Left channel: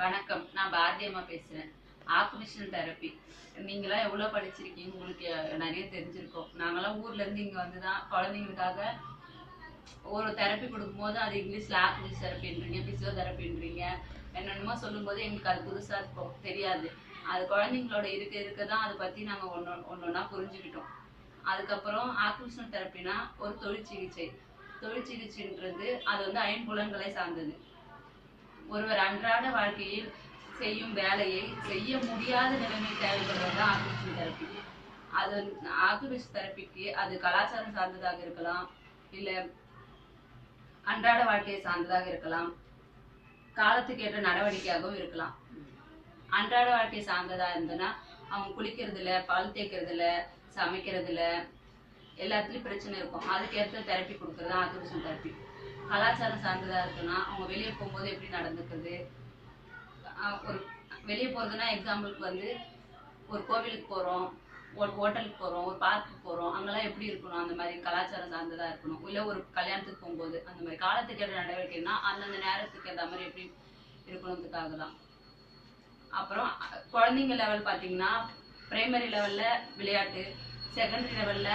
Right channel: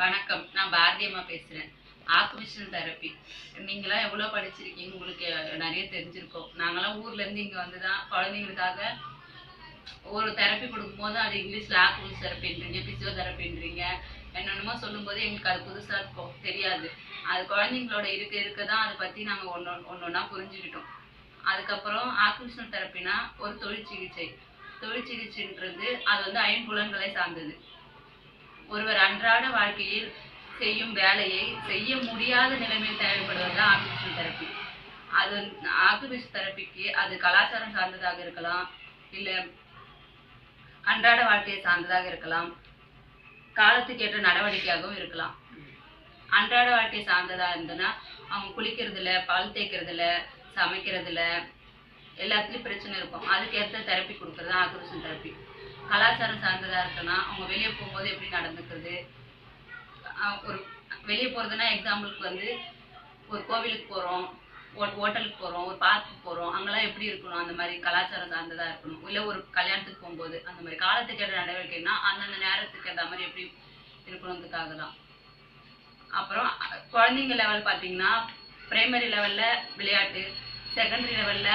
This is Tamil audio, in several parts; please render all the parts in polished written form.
வணக்கம். நான் பாரதி அம்மா பேசுறேன். Occupational therapy. நீங்களாம் எவ்வளோ படிச்சிருக்கீங்க? உங்களுக்கு நிறைய தெரிஞ்சிருக்கும். நாங்களாம் ஊர்ல இருந்து இங்க வந்து தான் குழந்தைங்களுக்காக ஒரு தெரப்பி கொடுக்கும்போது அது இங்கிலீஷ்ல ஆக்குபேஷனல் தெரப்பின்றீங்க, பிசியோதெரப்பின்றீங்க, என்னென்னமோ சொல்லும்போது எங்களுக்கு அது புதுசா இருக்கும், தெரியாது. அது குழந்தைங்களோட இருக்க தான் அதை பத்தி நாங்க ஒன்னொன்னா புரிஞ்சுக்கிட்டோம். அதுக்கப்புறம் ஆக்குபேஷனல் தெரப்பினா ஒரு தொழிற்சிகிச்சை. தொழிற்சிகிச்சைன்றது அது வந்து ஐம்புலன்களை சார்ந்தது. ஒருவர் அன்றாட வாழ்க்கையில் செய்யும் வேலையை செய்ய முடியாத நிலைமை தேவைப்படுவது ஆக்குபேஷனல் தெரப்பி. அது ஆக்குபேஷனல் தெரப்பிக்கு அது கலாச்சாரம் சார்ந்ததாக இருக்கலாம், இல்ல அன்றாட வாழ்க்கையை சார்ந்ததாக இருக்கலாம், காலத்துக்கு ஏற்ற நடவடிக்கையாகவும் இருக்கலாம். அன்றாட வாழ்க்கை சார்ந்ததா இருந்ததுன்னா அவங்க குளிக்கிறதுல, பால் தேய்க்கிறதுல, சமைக்கிறதுல எல்லாத்துலயும் பிரச்சனை இருக்கும். அதுக்கேற்ற தெரப்பி கொடுக்கறது தான் ஆக்குபேஷனல் தெரப்பி. கலாச்சாரம் சார்ந்ததா இருக்குன்னா அவங்க வெளியே போகும்போது எப்படி நடந்துக்கிறது, ஒரு வெளியே போறதுன்னா எக்ஸாம்பிளுக்கு வந்து ஒரு கோவிலுக்கு போறோம், ஒரு ஹோட்டலுக்கு போறோம், ஒரு பார்க்குக்கு போறோம், அங்கெல்லாம் எப்படி இருக்கணும், அந்த மாதிரி கலாச்சாரம் சார்ந்ததா இருக்கணும். இல்ல ஒரு கல்யாணத்துக்கு போகும்போது அந்த மாதிரி காலத்துக்கு ஏற்ற நடவடிக்கைன்னா அந்தந்த நேரத்துக்கு ஏற்ற மாதிரி எப்படி இருக்கணுன்றதுக்காக தான். அப்புறம் குழந்தைங்க லெவல் பார்த்தீங்கன்னா பிரைமரி லெவல்ல விளையாட்டு, செகண்டரி லெவல்ல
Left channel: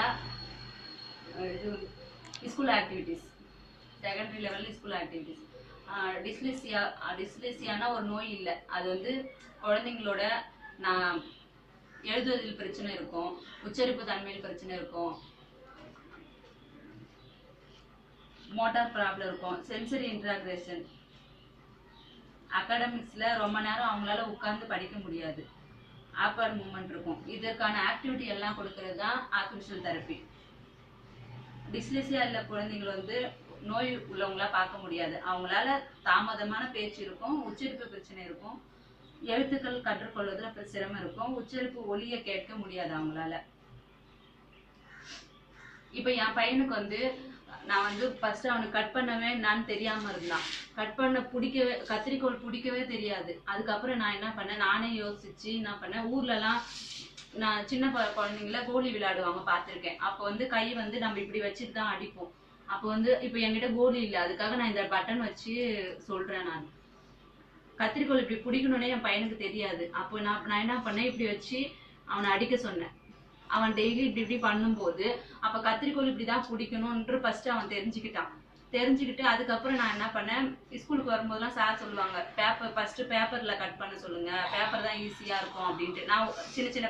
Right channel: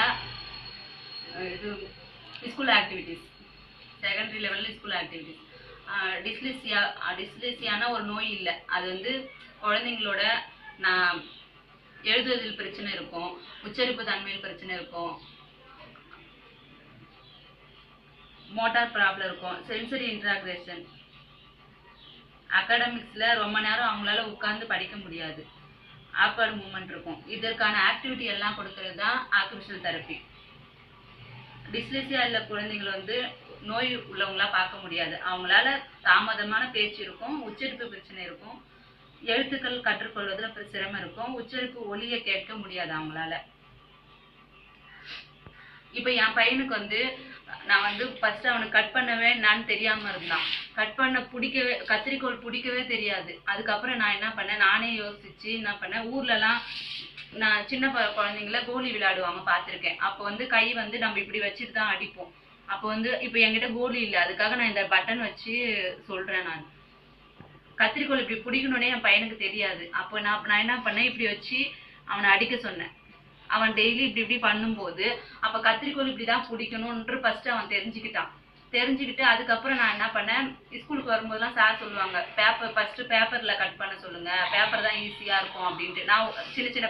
இது ஸ்கூல் ஆக்டிவிட்டிஸ், செகண்டரி லெவலில் ஸ்கூல் ஆக்டிவிட்டிஸ். டிஸ்லெக்சியானா ஒரு நோய் இல்லை. அது வந்து குழந்தைங்களோட நான் எழுதுவதில் பிரச்சனை இருக்கும், உச்சரிப்பு தன்மையில் பிரச்சனை இருக்கும், மோட்டார் ப்ராப்ளம் இருக்கும், சென்சரி இன்ட்ராக்ரேஷன், அகாடமிக்ஸ்ல ரொம்ப நேரம் அவங்களால உட்கார்ந்து படிக்க முடியாது, ஆக்வர்ட் மூவ்மெண்ட் இருக்கும். இதற்கான ஆக்டிவிட்டி எல்லாம் கொடுக்கறது தான் ஆக்குபேஷனல் தெரப்பி. டிஸ்லெக்சியா உள்ள குழந்தைகள் வந்து நோய் உள்ளவங்களா பார்க்க முடியாது. அவங்களால தாமதமான பேச்சு இருக்கும், உச்சரிப்பு பிரச்சனை இருக்கும், எழுத்துக்கள் கற்றுக்கொள்வதில் சிரமம் இருக்கும், உச்சரிப்பு ஒலியை கேட்க முடியாது அவங்களால. இப்ப என் பையனுக்கு வந்து நான் வந்து ஃபர்ஸ்ட் அவனுக்கு கட் பண்ணவே என்னன்னு தெரியாம இருந்தான். கட் பண்ண பிடிக்கவே, கத்திரிக்கோள் பிடிக்கவே தெரியாது. அதுக்கப்புறம் நான் என்ன பண்ணேன், நானே யோசிச்சு என்ன பண்ணேன், ஊர்லலாம் நான் சின்ன குழந்தைங்கள கோலி விளையாடுவாங்க பார்த்துருக்கேன். அப்போ வந்து கை வந்து நம்ம இப்படி வச்சுட்டு தான் அடிப்போம். அப்போ வந்து இப்போ என்கிட்ட கோலி இல்லை, அதுக்காக நான் இந்த பட்டன் வச்சு சொல்றேன். நான் கத்திரிக்கோள் இப்படி பிடிக்கணுன்னே என் பையனுக்கு தெரியாது. அப்போ நான் என்ன பண்ணேன், இப்படி வச்சு அவனை அடிக்க சொன்னேன். அவன் டெய்லி இப்படி பண்ணும்போது அப்போ கத்திரிக்கோள் இப்படி தான் பிடிக்கணும்ன்று ஃபர்ஸ்ட் அவன் தெரிஞ்சுக்கிட்டு அதுக்கப்புறம் நான் என்ன பண்ணேன், ஸ்கூலுக்கு வரும்போதெல்லாம் சார் சொல்லுவாங்க, ஃபர்ஸ்ட் பேப்பர்ல கட் பண்ண சொல்லுங்க, பேப்பர் தான் ஈஸியா இருக்கும் அப்படின்ட்டு. நான் சின்ன சின்ன